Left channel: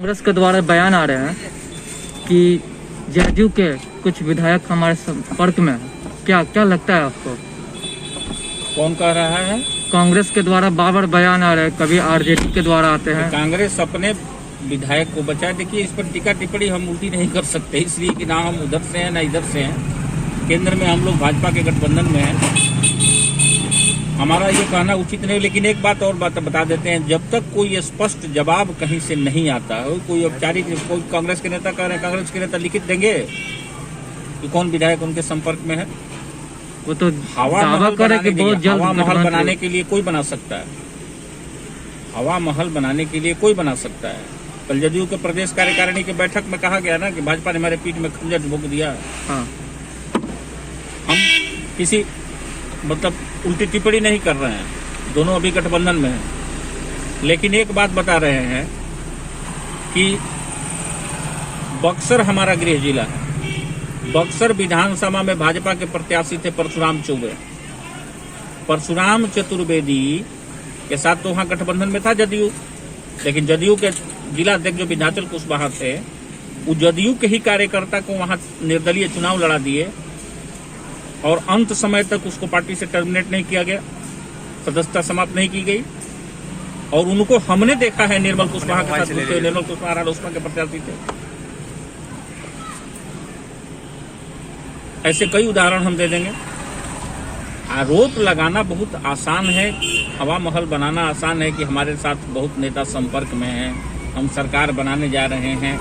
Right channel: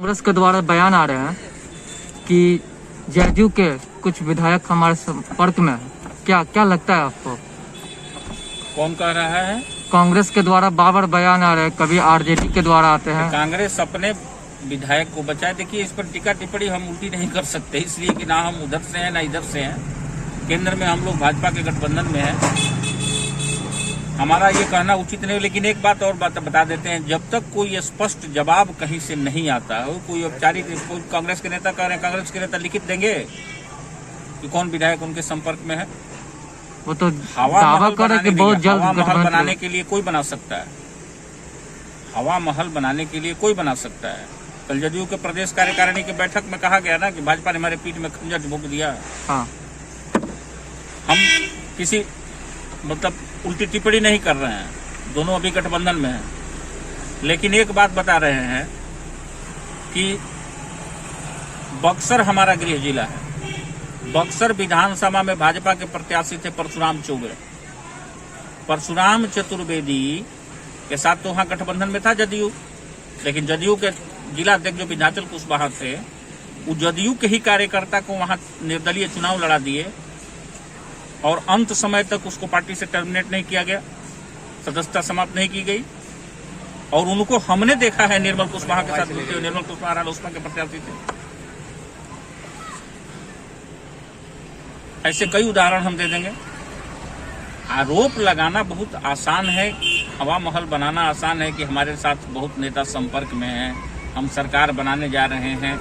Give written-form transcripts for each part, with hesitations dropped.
कांग्रेस के द्वारा बयान आ रहे हैं कि जदयू के कुछ विधायक हमारे संपर्क में हैं। क्या लगता है आपको? कौन कह रहा है? कांग्रेस के द्वारा बार बयान आ रहे हैं, कभी आरजेडी के द्वारा आते हैं। कांग्रेस अपने विधायक को बचाए। देखिए, इस पर टीका टिप्पणी हम उल्टी नहीं कर सकते, इसलिए कि ना हम उधर से हैं ना इधर से हैं। केंद्र में हम लोग भाजपा के गठबंधन में हैं, हमारा ये कहना उचित नहीं। लेकिन एक बात और बता देते हैं, जब तक कोई स्पष्ट जवाब कहीं से नहीं आता हो, कोई औपचारिक, कोई कांग्रेस के नेता कह रहे हैं, कांग्रेस के नेता लिखित देंगे कि कौन विधायक उनके संपर्क में है। वो तो हवा महल बनाने के लिए कोई बना सकता है, हवा महल बनाने के लिए कोई बना सकता है। कल जदयू के प्रदेश कार्यकारिणी की बैठक में कहा गया ना कि भाजपा ने हमारे पीठ में खंजर भोंक दिया। हाँ। हम किसी मतलब उल्टी टिप्पणी नहीं कर रहे हैं, दोनों अभी गठबंधन में हैं। लेकिन एक बात बता रहे हैं कि बक्सर हमारा गृह जिला है। बक्सर विधानसभा में भाजपा के प्रत्याशी थे परशुराम चौबे। परशुराम चतुर्वेदी के साथ तो वहां गठबंधन में था जदयू, लेकिन जदयू के जिला अध्यक्ष जो विंध्याचल कुशवाहा थे, वो जदयू के ही कार्यकर्ता को वहां निर्दलीय चुनाव लड़ा दिए और अंत समय तक उसको पार्टी से टर्मिनेट नहीं किया गया, सदस्यता समाप्त नहीं की गई। और उनको हमने देखा है निर्मल कुशवाहा के साथ, निर्मल कुशवाहा रालोसपा के प्रत्याशी थे। ऐसे कई उदाहरण हम दे देंगे। आरोप लगाना बहुत आसान है, हवा महल बनाना आसान है कि हमारे साथ बहुत नेता संपर्क में हैं, हम सरकार बनाने जा रहे हैं।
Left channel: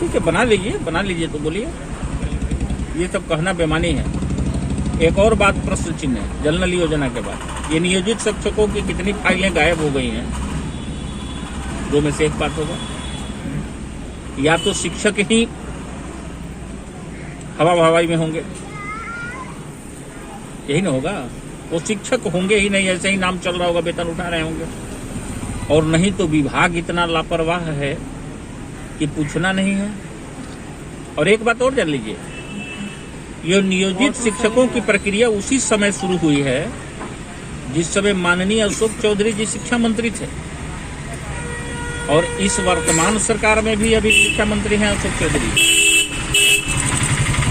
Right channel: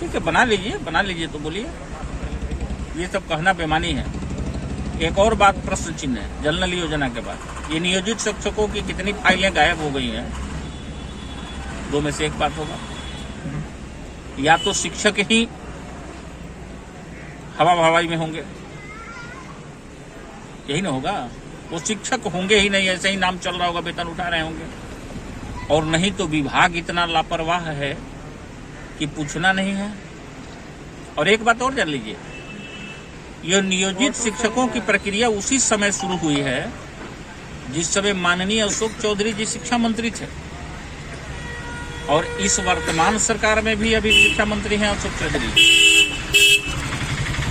ठीक है, बना लीजिए तो बोलिए, ये सब कहना बेमानी है। एक और बात प्रश्न चिन्ह है, जल नल योजना के बाद ये नियोजित शिक्षकों की कितनी फाइलें गायब हो गई हैं, दो में से एक बात होगा। या तो शिक्षक ही हवा हवाई में होंगे, यही ना होगा, वो शिक्षक होंगे ही नहीं, ऐसे ही नाम चल रहा होगा, वेतन उठा रहे होंगे। और नहीं तो विभाग इतना लापरवाह है कि पूछना नहीं है। और एक बात और जान लीजिए, यह नियोजित शिक्षकों की प्रक्रिया उसी समय शुरू हुई है जिस समय माननीय अशोक चौधरी जी शिक्षा मंत्री थे, और इस वर्तमान सरकार में भी अभी शिक्षा मंत्री हैं अशोक चौधरी।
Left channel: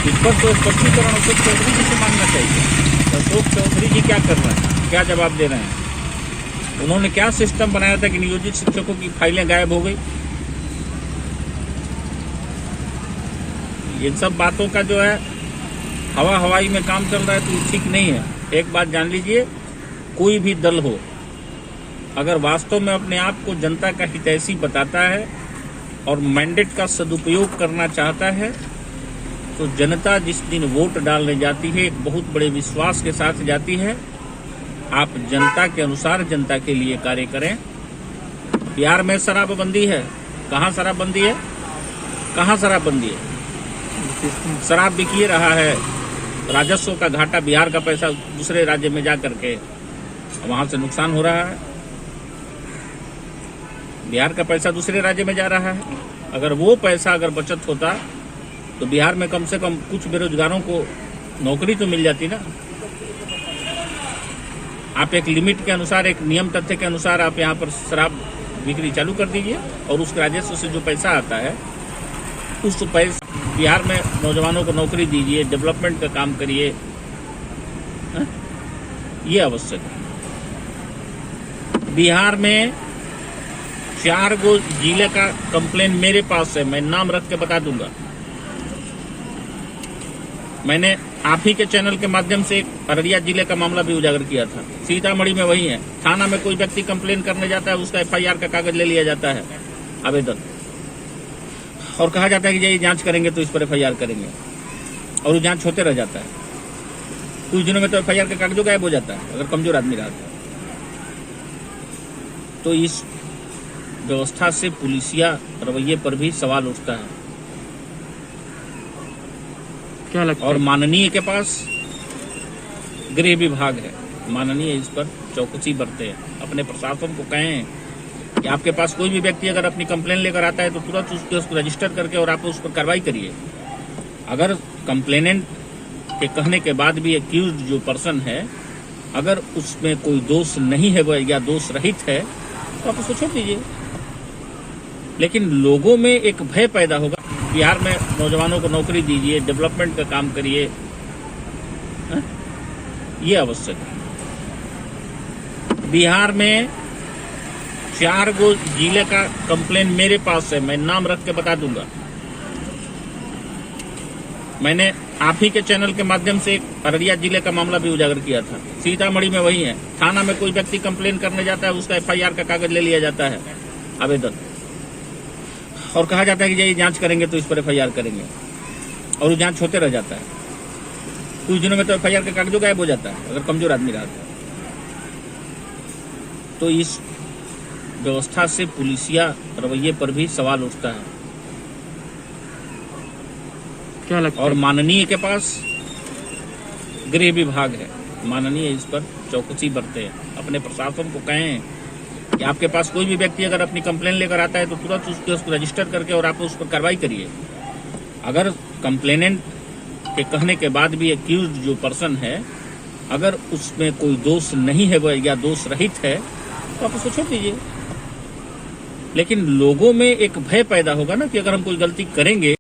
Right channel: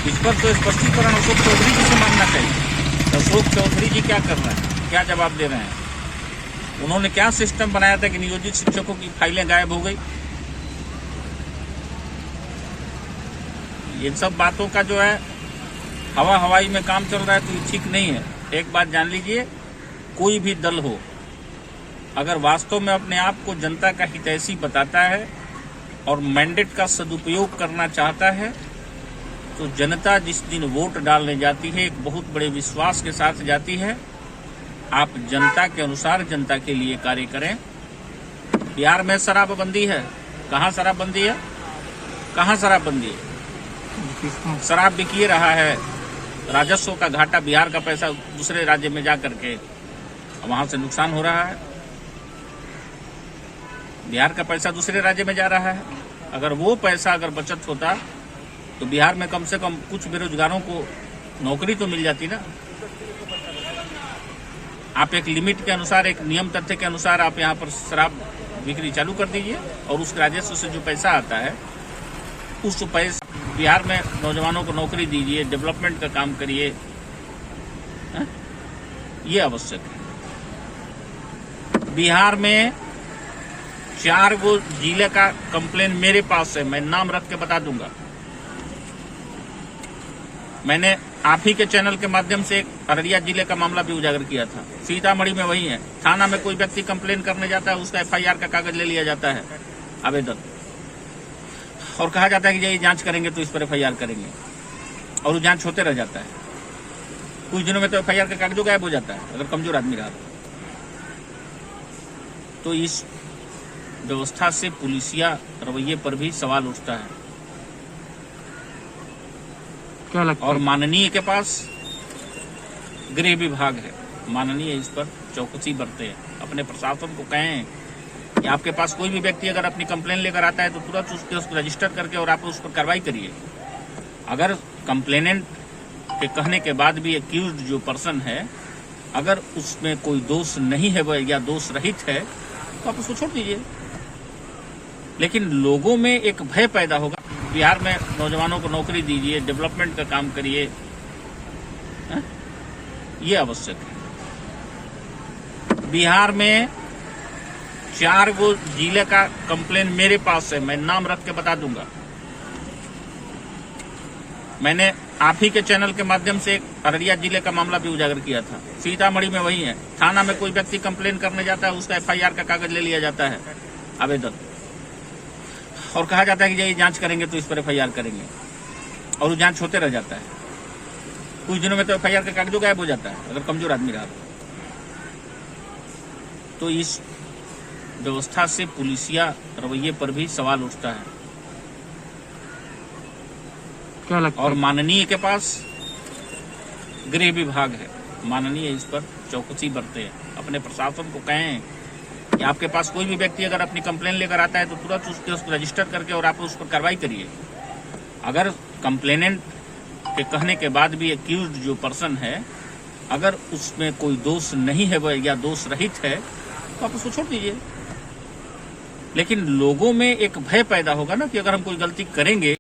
इस पर तो स्पष्टीकरण अशोक चौधरी जी से मांगना चाहिए। अशोक चौधरी जी क्या कर रहे हैं, क्या जवाब दे रहे हैं? उन्होंने क्या सिस्टम बनाया था कि नियोजित शिक्षकों की फाइलें गायब हो गई? इन सब बातों का जो है हवा हवाई में काम चल रहा है, तो ठीक नहीं है। एक बात जान लीजिए, कोई भी दल हो, अगर वास्तव में अपने आप को जनता का हितैषी बताता है और मैंडेट का सदुपयोग करना चाहता है, तो जनता जिस दिन वोट डालने जाती है एक बहुत बड़े विश्वास के साथ जाती है। आप जनता के अनुसार जनता के लिए कार्य करें। बिहार में शराबबंदी है, कहाँ शराबबंदी है? कहाँ शराबबंदी है? शराब बिकिए रहा है, राजस्व का घाटा, बिहार का पैसा दूसरे राज्य में जा करके वहां से नुकसान हो रहा है। बिहार का पैसा दूसरे राज्य में जा रहा है। अगर वो पैसा अगर बचत होता तो बिहार में कम से कम कुछ बेरोजगारों को नौकरी तो मिल जाती ना। आप एक लिमिट के अनुसार, एक नियम तथ्य के अनुसार आप यहाँ पर शराब बिक्री चालू कर दीजिए, और उस राजस्व से जो पैसा आता है उस पैसे बिहार में नौजवानों को नौकरी दीजिए, डेवलपमेंट का काम करिए। ये आवश्यक है। बिहार में 4 गो जिले का कंप्लेन मेरे पास है, मैं नाम रख के बता दूंगा। मैंने आप ही के चैनल के माध्यम से एक अररिया जिले का मामला भी उजागर किया था। सीतामढ़ी में वही है, थाना में कोई व्यक्ति कंप्लेन करने जाता है, उसका FIR का कागज ले लिया जाता है, आवेदन, और कहा जाता है कि ये जांच करेंगे तो इस पर FIR करेंगे, और वो जांच होते रह जाता है। कुछ दिनों में तो FIR का कागज गायब हो जाता है, अगर कमजोर आदमी रहा तो। इस व्यवस्था से पुलिसिया रवैये पर भी सवाल उठता है। क्या लगता है? और माननीय के पास गृह विभाग है, माननीय इस पर चौकसी बरते हैं, अपने प्रशासन को कहें कि आपके पास कोई भी व्यक्ति अगर अपनी कंप्लेन लेकर आता है तो तुरंत उसको रजिस्टर करके और आप उस पर कार्रवाई करिए। अगर कंप्लेनेंट के कहने के बाद भी एक्यूज्ड जो पर्सन है, अगर उसमें कोई दोष नहीं है या दोष रहित है, तो आप उसको छोड़ दीजिए। लेकिन लोगों में एक भय पैदा होगा। बिहार में नौजवानों को नौकरी दीजिए, डेवलपमेंट का काम करिए, ये आवश्यक है। बिहार में 4 गो जिले का कंप्लेन मेरे पास है, मैं नाम रख के बता दूंगा। मैंने आप ही के चैनल के माध्यम से एक अररिया जिले का मामला भी उजागर किया था। सीतामढ़ी में वही है, थाना में कोई व्यक्ति कंप्लेन करने जाता है, उसका FIR का कागज ले लिया जाता है, आवेदन, और कहा जाता है कि ये जांच करेंगे तो इस पर FIR करेंगे, और वो जांच होते रह जाता है। कुछ दिनों में तो FIR का कागज गायब हो जाता है अगर कमजोर आदमी रहा तो। इस व्यवस्था से पुलिसिया रवैये पर भी सवाल उठता है। क्या लगता और है? माननीय के पास गृह विभाग है, माननीय इस पर चौकसी बरते हैं, अपने प्रशासन को कहें कि आपके पास कोई भी व्यक्ति अगर अपनी कंप्लेन लेकर आता है तो तुरंत उसको रजिस्टर करके और आप उस पर कार्रवाई करिए। अगर कंप्लेनेंट के कहने के बाद भी एक्यूज्ड जो पर्सन है, अगर उसमें कोई दोष नहीं है वह या दोष रहित है तो आप उसको छोड़ दीजिए। लेकिन लोगों में एक भय पैदा होगा ना कि अगर हम कोई गलती करेंगे